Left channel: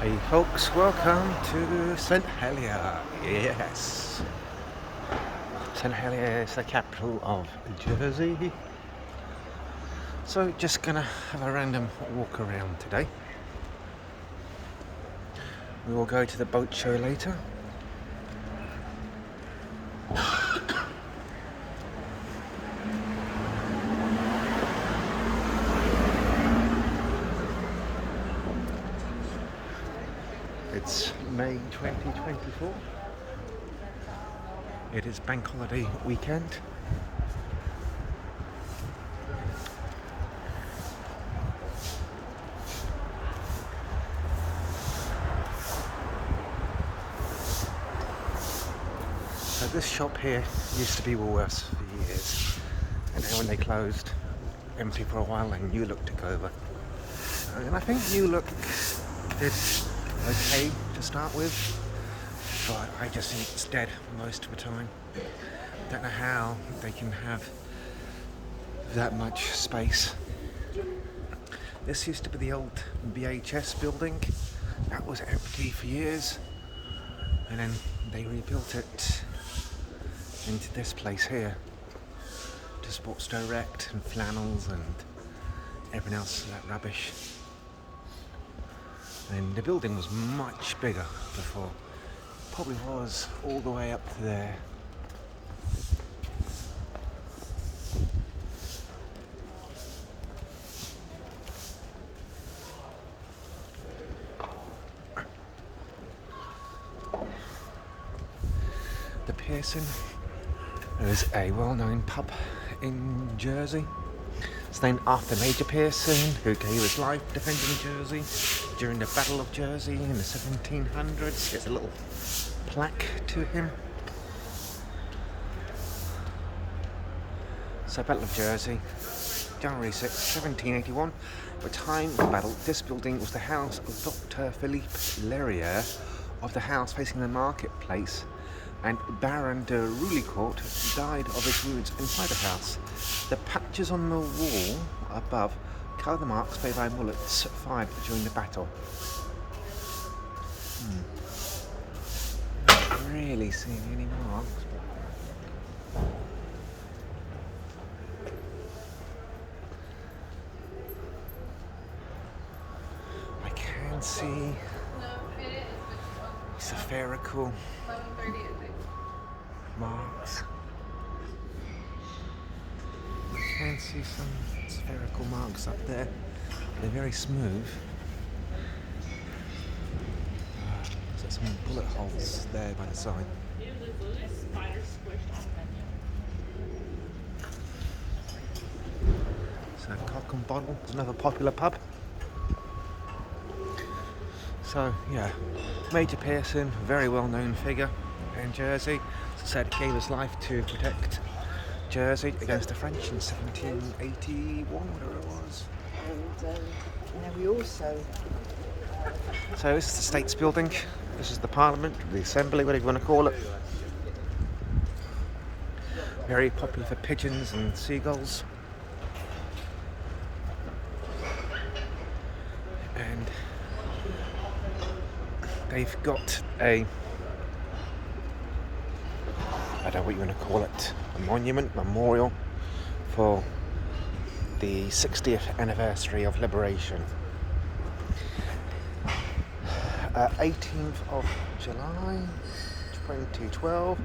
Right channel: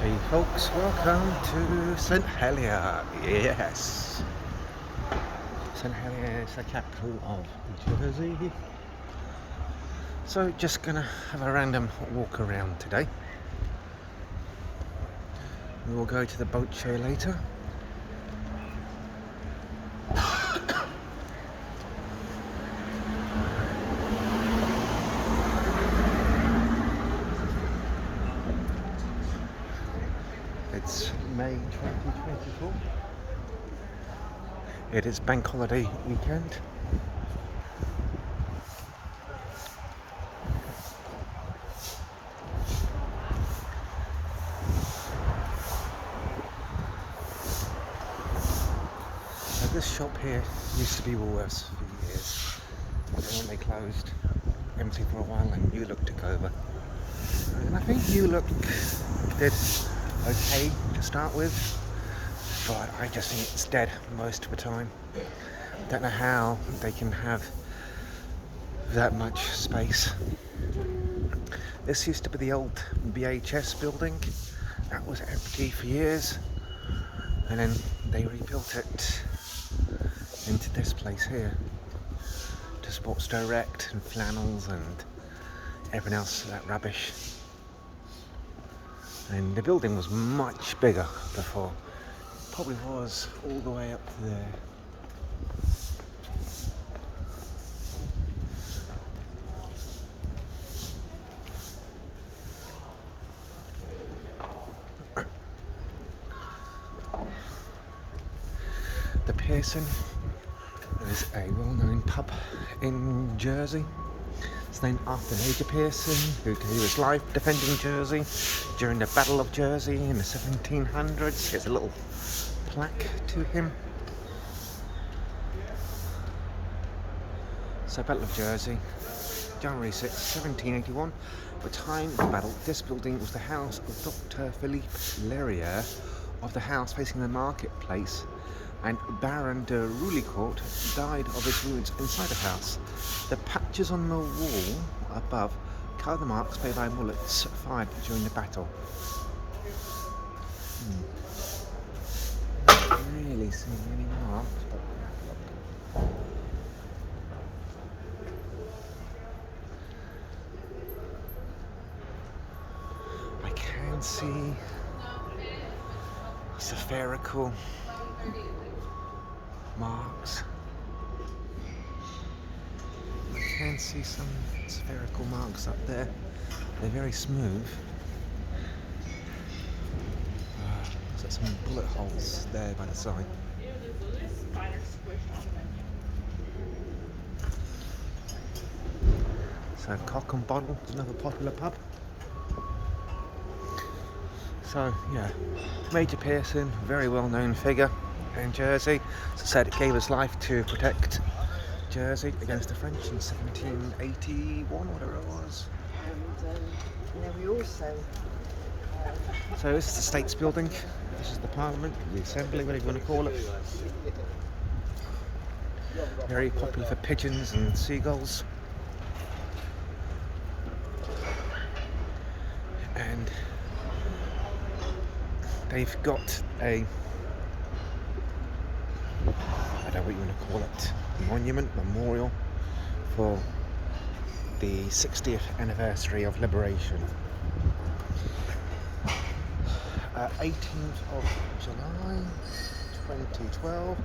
Hey folks, welcome to St Helier. Yes, St Helier is the capital of Jersey. So just gonna have a random walk around today. We will go to the boat show later. It's May 2024. It is Bankholiday weekend. So this shop here used to be Woolworths for years, and then when they closed, empty for a while, and New Look took over. And I think New Look did okay to start with, but I just think it's dead most of the time. Don't know how they can have that much space. This used to be the old BHS building. That was empty for years, and then they rebuilt it into this place here, to Sports Direct and flannels and everything else, that rubbish. And the building was much bigger before. Probably was all the way up there. The Pearson is a well-known pub in Jersey. It's named after Major Pearson, who gave his life defending Jersey during the Battle of Jersey in the 1700s. There's a little plaque to him. So, Battle of Jersey, January 6, 1781. At the time of the battle, this building was the house of Dr. Philippe Helier of the house facing the marketplace, and Baron de Roulicourt died of his wounds inside the house. The patches on the wall above cover the marks made by bullets fired during the battle. Not really seeing any marks, but I can see spherical marks. I can see some spherical marks up there. They're very smooth. There's some bullet holes there by the side. So Cock and Bottle is another popular pub. So yeah, Major Pearson, very well-known figure in Jersey. As I said, gave his life to protect Jersey against the French in 1781, whatever it was. And we also. So this is the States Building. This is the Parliament, the Assembly, whatever you want to call it. Very popular for pigeons and seagulls. And they've got I don't know what you want to call it, a monument, memorial for the 60th anniversary of liberation. 18th of July 2012,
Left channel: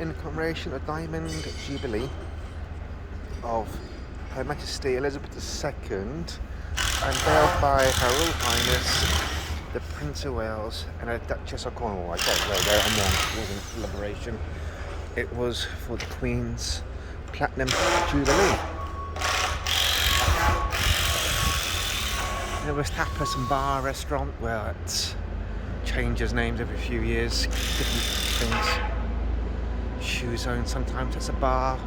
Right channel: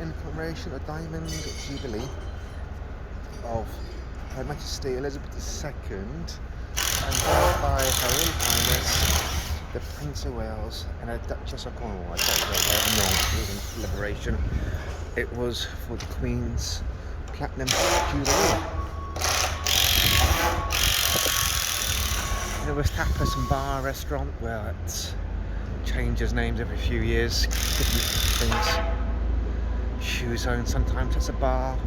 in commemoration of Diamond Jubilee of Her Majesty Elizabeth II, unveiled by Her Royal Highness the Prince of Wales and the Duchess of Cornwall. Okay, there you go, I'm wrong, it wasn't liberation. It was for the Queen's Platinum Jubilee. There was tapas and bar restaurant where it changes names every few years, different things. Shoe Zone, sometimes it's a bar,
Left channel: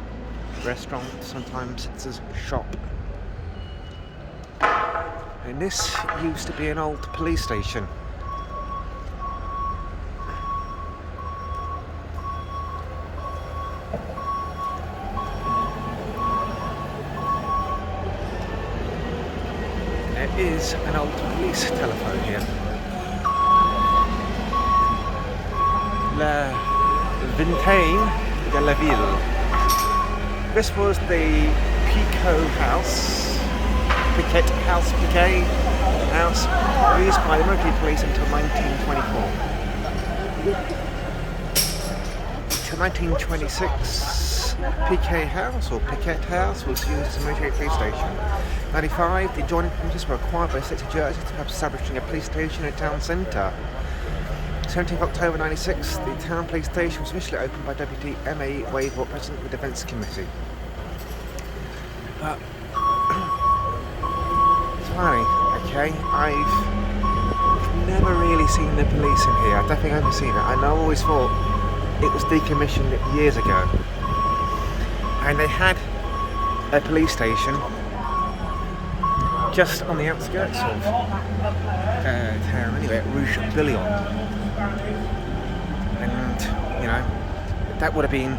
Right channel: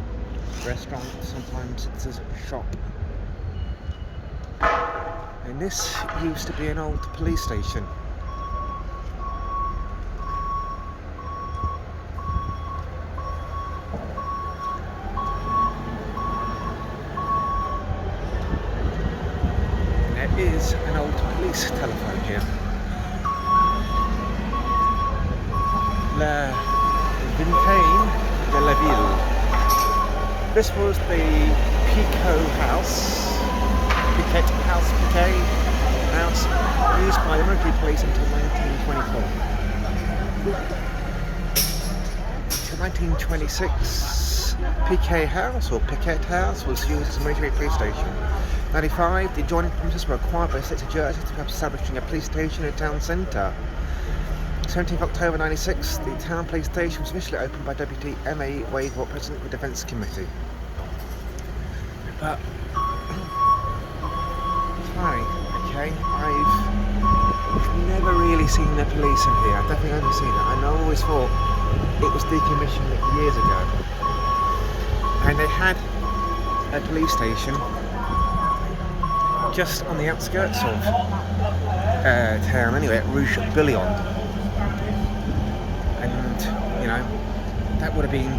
restaurant, sometimes it's a shop. And this used to be an old police station. And there is an old police telephone here. La Vingtaine de la Ville. This was the Piquet House, used by the military police until 1924. Until 1926, Piquet House was used as a military police station. 95, the adjoining premises were acquired by the state of Jersey to perhaps establishing a police station in the town centre. 17th October 96, the town police station was officially opened by Deputy M.A. Wavell, President of the Defence Committee. But it's funny, okay? I've never really seen the police in here. I don't think I've ever seen it. I always thought it was decommissioned years ago. And they had a police station just on the outskirts of town anyway, at Rouge Billion. And, you know, that would have been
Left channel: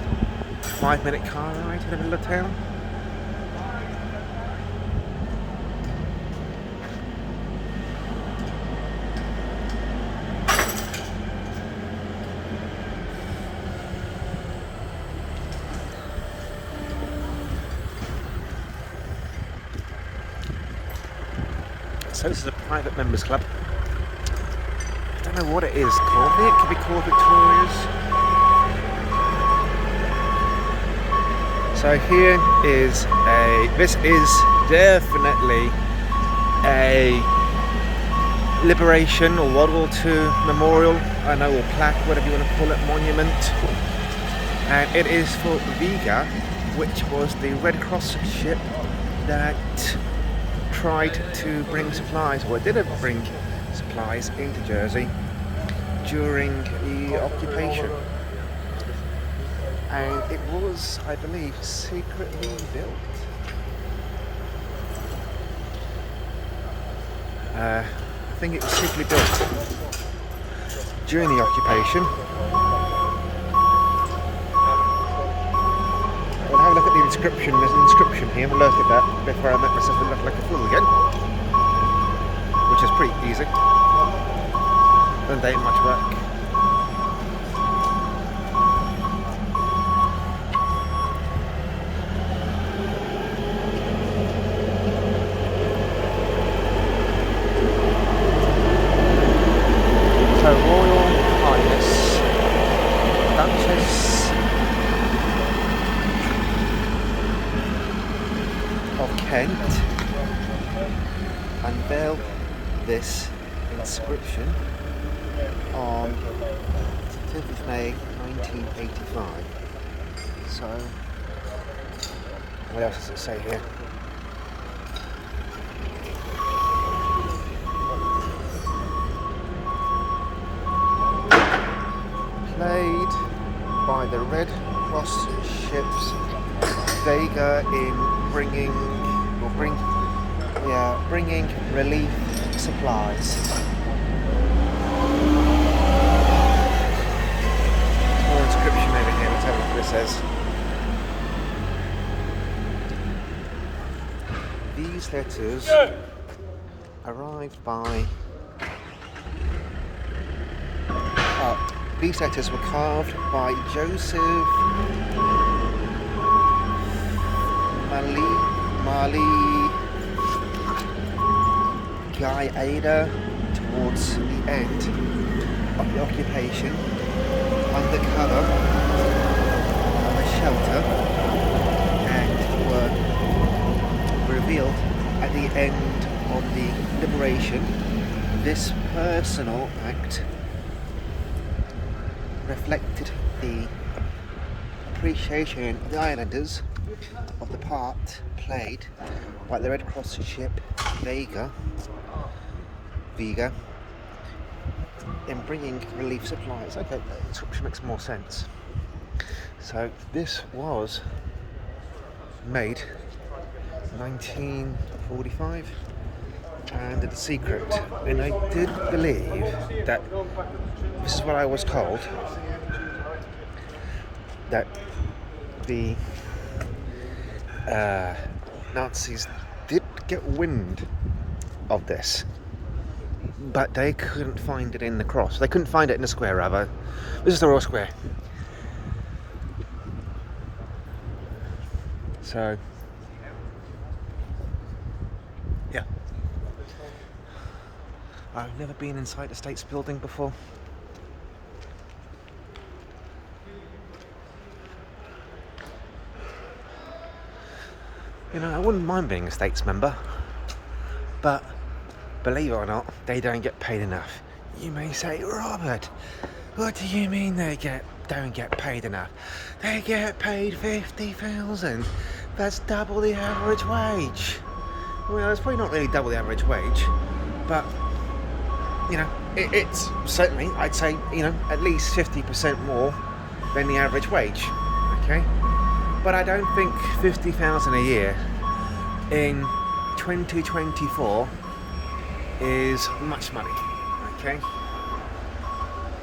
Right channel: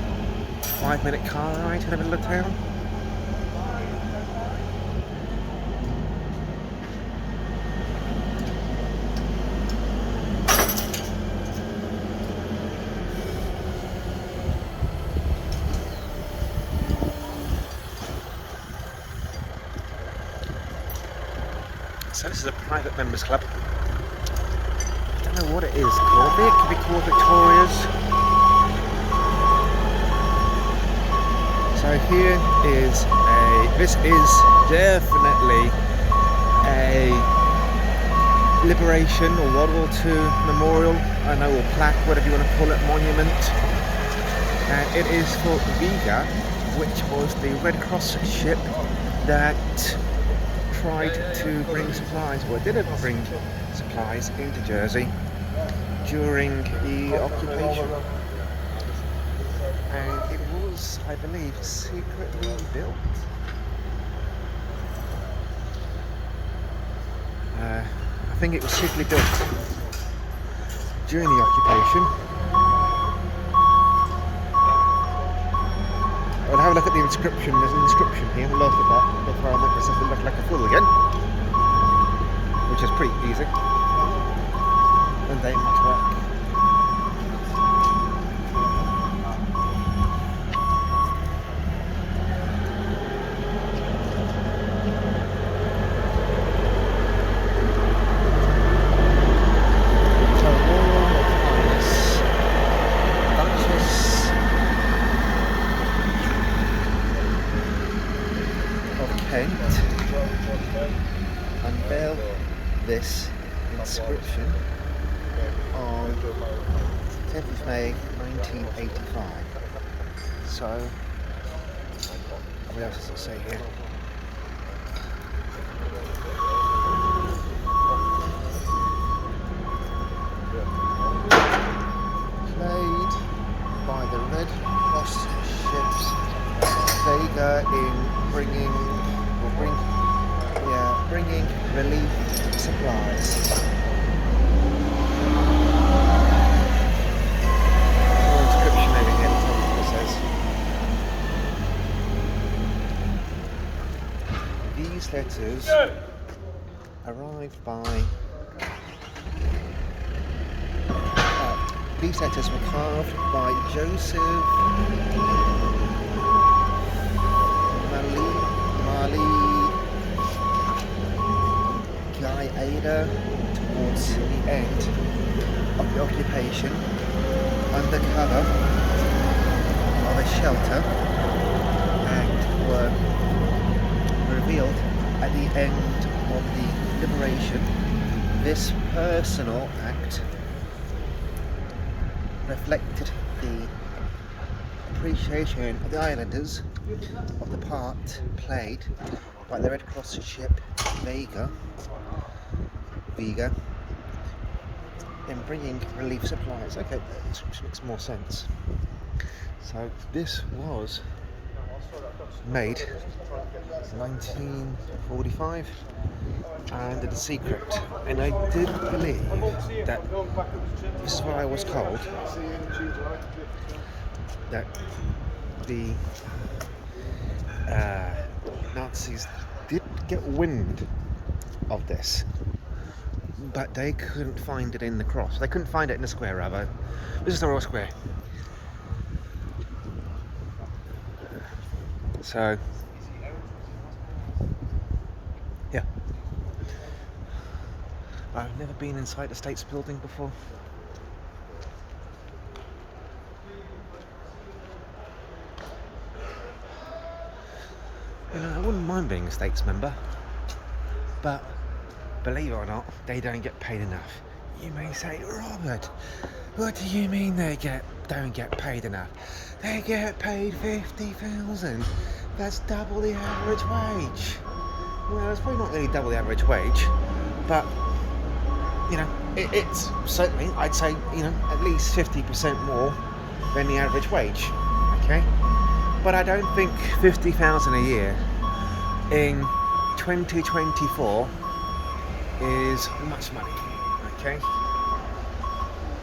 a 5-minute car ride to the middle of town. So this is a private members club. I don't know what it is called. I think it could be called Victoria's. So here is this is definitely a Liberation or World War II memorial, I know, or plaque, whatever you want to call it, monument. And it is for Vega, which was the Red Cross ship that tried to bring supplies, or didn't bring supplies into Jersey during the occupation. And it was, I believe, secretly built. I think it was secretly built during the occupation. I'll have a look at the inscription. There's an inscription here. We'll look at that before I make myself look like a fool again, which is pretty easy. Doesn't take much work. So, Royal Highness Duchess of Kent unveiled this inscription on 10th of May 1985. So, what else does it say here? Played by the Red Cross ships Vega in bringing relief supplies. More inscription over here. Let's have a look what this says. These letters arrived by. These letters were carved by Joseph Mali Guy Ada towards the end of the occupation, under cover of a shelter, and were revealed at the end of the liberation. This personal act reflected the appreciation of the islanders of the part played by the Red Cross ship Vega in bringing relief supplies. Okay, that description makes more sense. So this was made 1945 and it's a secret, and I did believe that this is what I was told, that the Nazis did get wind of this but they couldn't find it in the cross. They couldn't find it in the square, rather. This is the Royal Square. So, yeah. I've never been inside the States building before. You know, I wouldn't mind being a States member, but believe it or not, they don't get paid enough. You may say, Robert, what do you mean they don't get paid enough? They get paid 50,000. That's double the average wage. Well, it's probably not really double the average wage, but you know, it's certainly, I'd say, you know, at least 50% more than the average wage. Okay, but I don't think 50,000 a year in 2024 is much money. Okay,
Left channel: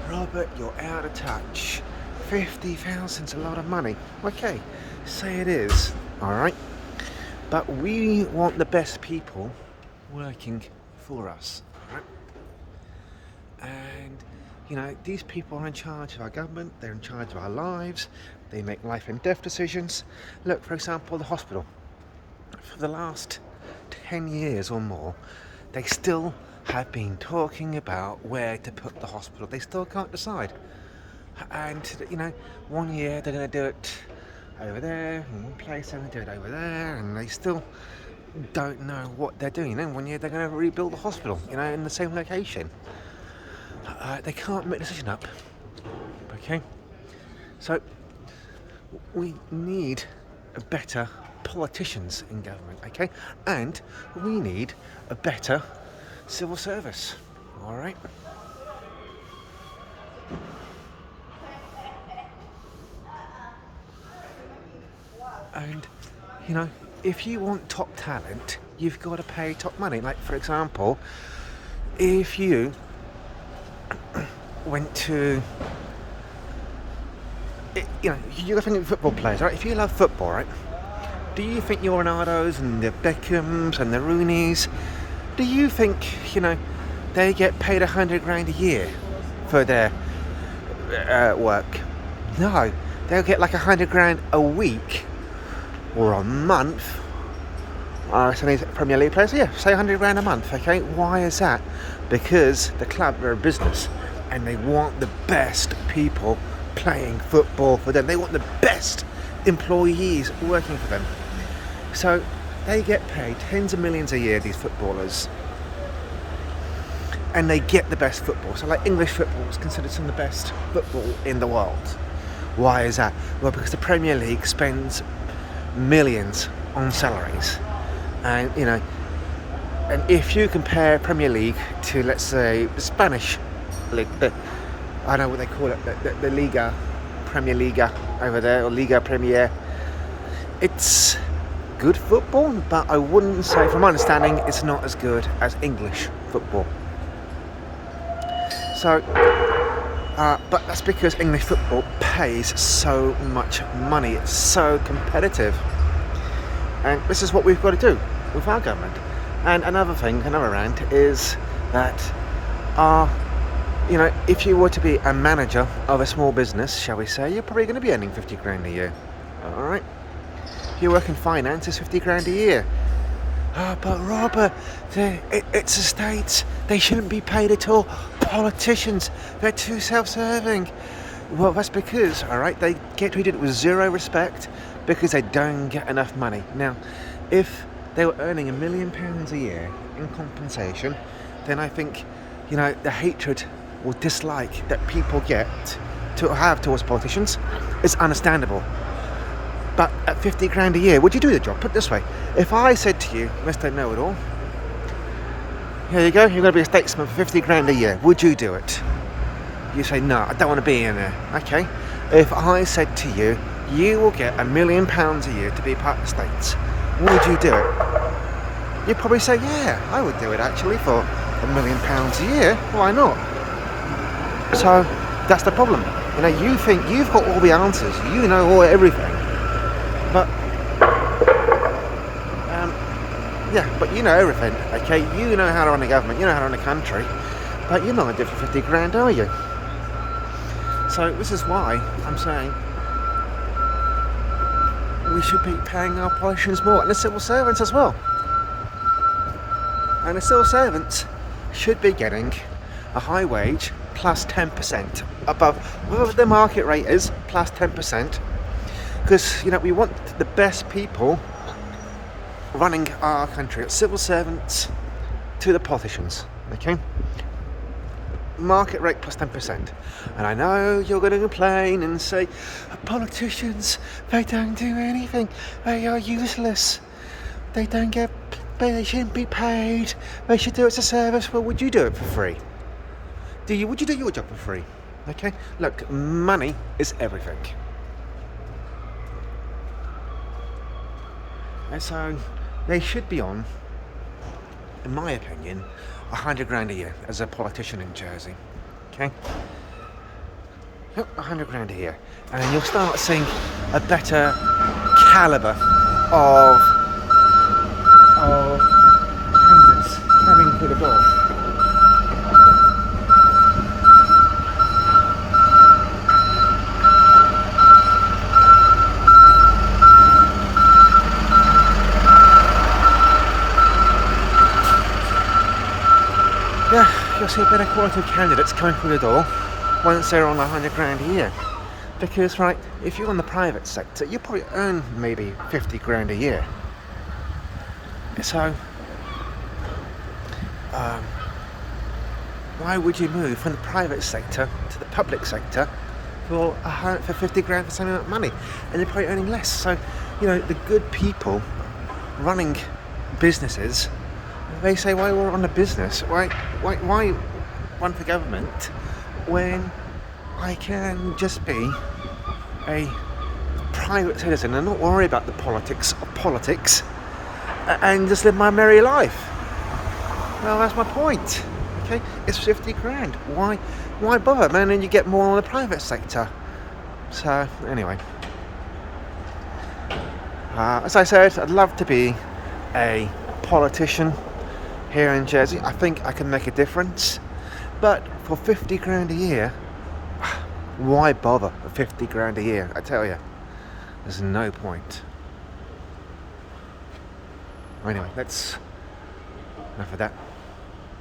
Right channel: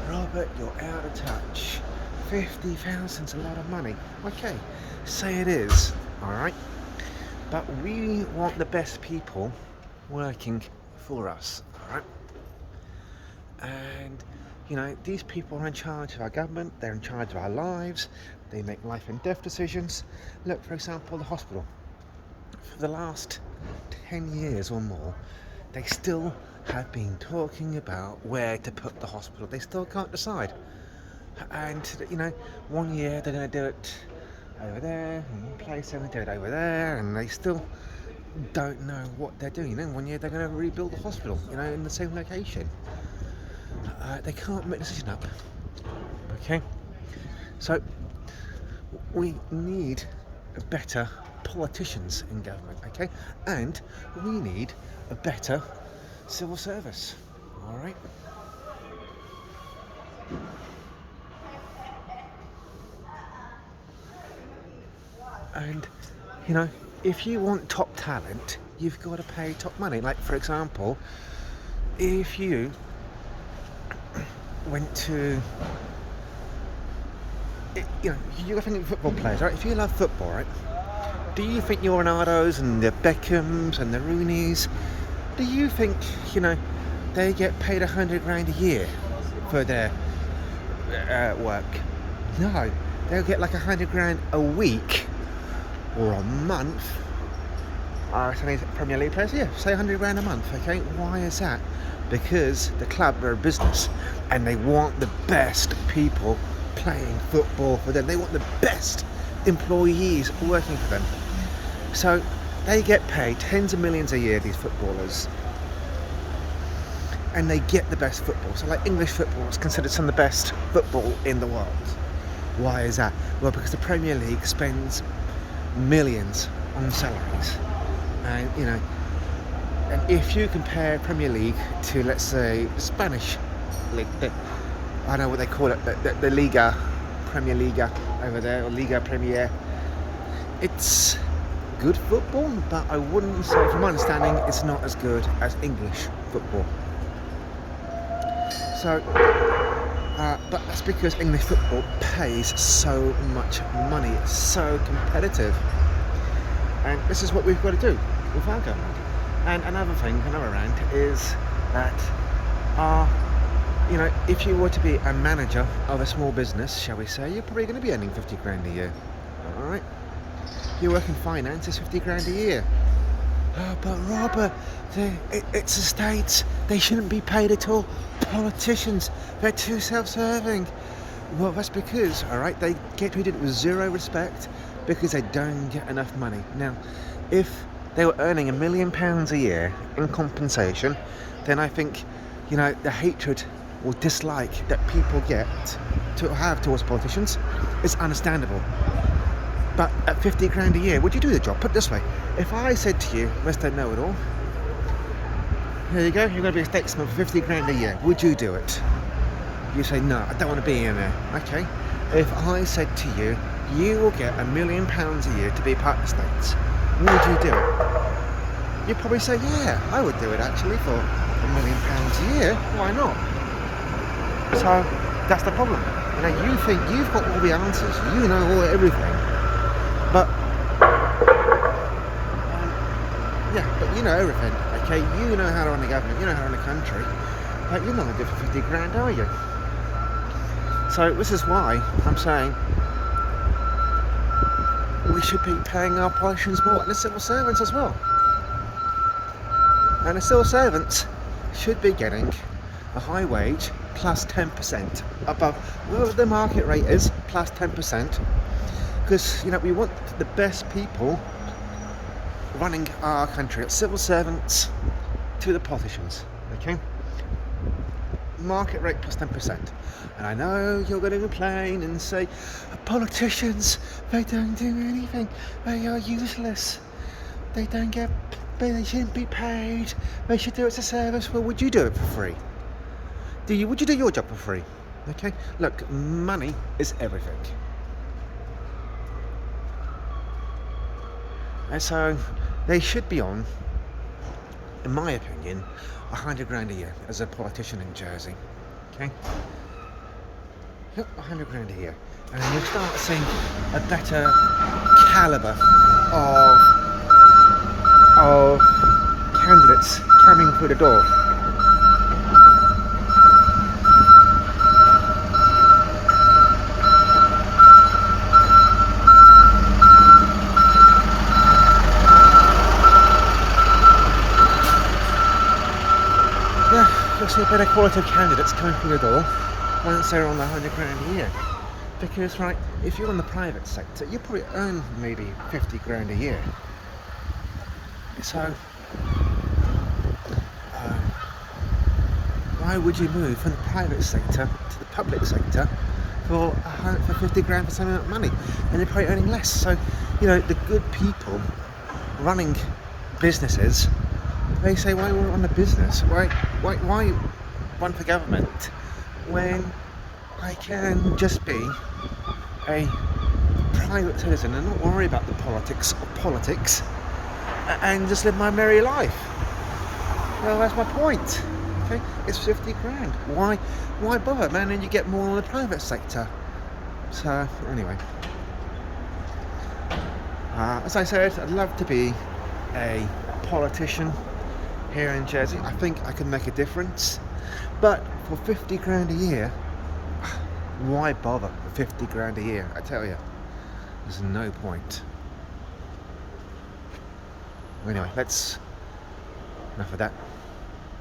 Robert, you're out of touch. 50,000's a lot of money. Okay, say it is. All right, but we want the best people working for us. All right, and you know, these people are in charge of our government. They're in charge of our lives. They make life and death decisions. Look, for example, the hospital. For the last 10 years or more, they still have been talking about where to put the hospital. They still can't decide. And you know, one year they're going to do it over there, in one place they're going to do it over there, and they still don't know what they're doing. You know, one year they're going to rebuild the hospital, you know, in the same location. They can't make a decision up. Okay, so we need better politicians in government. Okay, and we need a better civil service. All right. And you know, if you want top talent, you've got to pay top money. Like, for example, if you went to, you know, you're thinking football players, right? If you love football, right? Do you think your Ronaldos and the Beckhams and the Rooneys, do you think, you know, they get paid 100 grand a year for their work? No, they'll get like 100 grand a week or a month. So these Premier League players, yeah, say 100 grand a month. Okay, why is that? Because the club are a business and they want the best people playing football for them. They want the best employees working for them. So they get paid tens of millions a year, these footballers, and they get the best football. So like English football is considered some of the best football in the world. Why is that? Well, because the Premier League spends millions on salaries. And you know, and if you compare Premier League to, let's say, the Spanish league, I know what they call it, the Liga, Premier Liga over there, or Liga Premier, it's good football, but I wouldn't say, from my understanding, it's not as good as English football. So, but that's because English football pays so much money. It's so competitive. And this is what we've got to do with our government. And another thing, another rant, is that you know, if you were to be a manager of a small business, shall we say, you're probably going to be earning 50 grand a year. Alright? If you work in finance, it's 50 grand a year. Oh, but Robert, it's the States. They shouldn't be paid at all. Politicians, they're too self-serving. Well, that's because, alright, they get treated with zero respect because they don't get enough money. Now, if they were earning £1 million a year in compensation, then I think, you know, the hatred or dislike that people get to have towards politicians is understandable. But at 50 grand a year, would you do the job? Put it this way, if I said to you, Mr. Know-it-all, here you go, you're going to be a statesman for 50 grand a year, would you do it? You say, no, I don't want to be in there. Okay, if I said to you, you will get £1 million a year to be part of the States, would you do it? You'd probably say, yeah, I would do it actually for £1 million a year. Why not? So that's the problem. You know, you think you've got all the answers, you know everything, but Yeah, but you know everything, okay? You know how to run a government, you know how to run a country, but you're not going to do it for 50 grand, are you? So this is why I'm saying we should be paying our politicians more, and the civil servants as well. And the civil servants should be getting a high wage plus 10% above whatever the market rate is, plus 10%. Because, you know, we want the best people running our country, civil servants to the politicians, okay? Market rate plus 10%. And I know you're going to complain and say, politicians, they don't do anything, they are useless, they shouldn't be paid, they should do it as a service. Well, would you do it for free? Would you do your job for free? Okay, look, money is everything. And so they should be on, in my opinion, 100 grand a year as a politician in Jersey. Okay? Yep, 100 grand a year. And you'll start seeing a better calibre of candidates coming through the door. Yeah, you'll see a better quality of candidates coming through the door once they're on 100 grand a year. Because, right, if you're in the private sector, you probably earn maybe 50 grand a year. So, why would you move from the private sector to the public sector for 50 grand for the same amount of money? And you're probably earning less. So, you know, the good people running businesses, they say, why we're on a business? Why run for government when I can just be a private citizen and not worry about the politics of politics and just live my merry life? Well, that's my point. Okay, it's 50 grand. Why bother, man? And you get more on the private sector. So anyway, as I said, I'd love to be a politician here in Jersey. I think I can make a difference, but for 50 grand a year, why bother for 50 grand a year? I tell you, there's no point. Anyway, enough of that.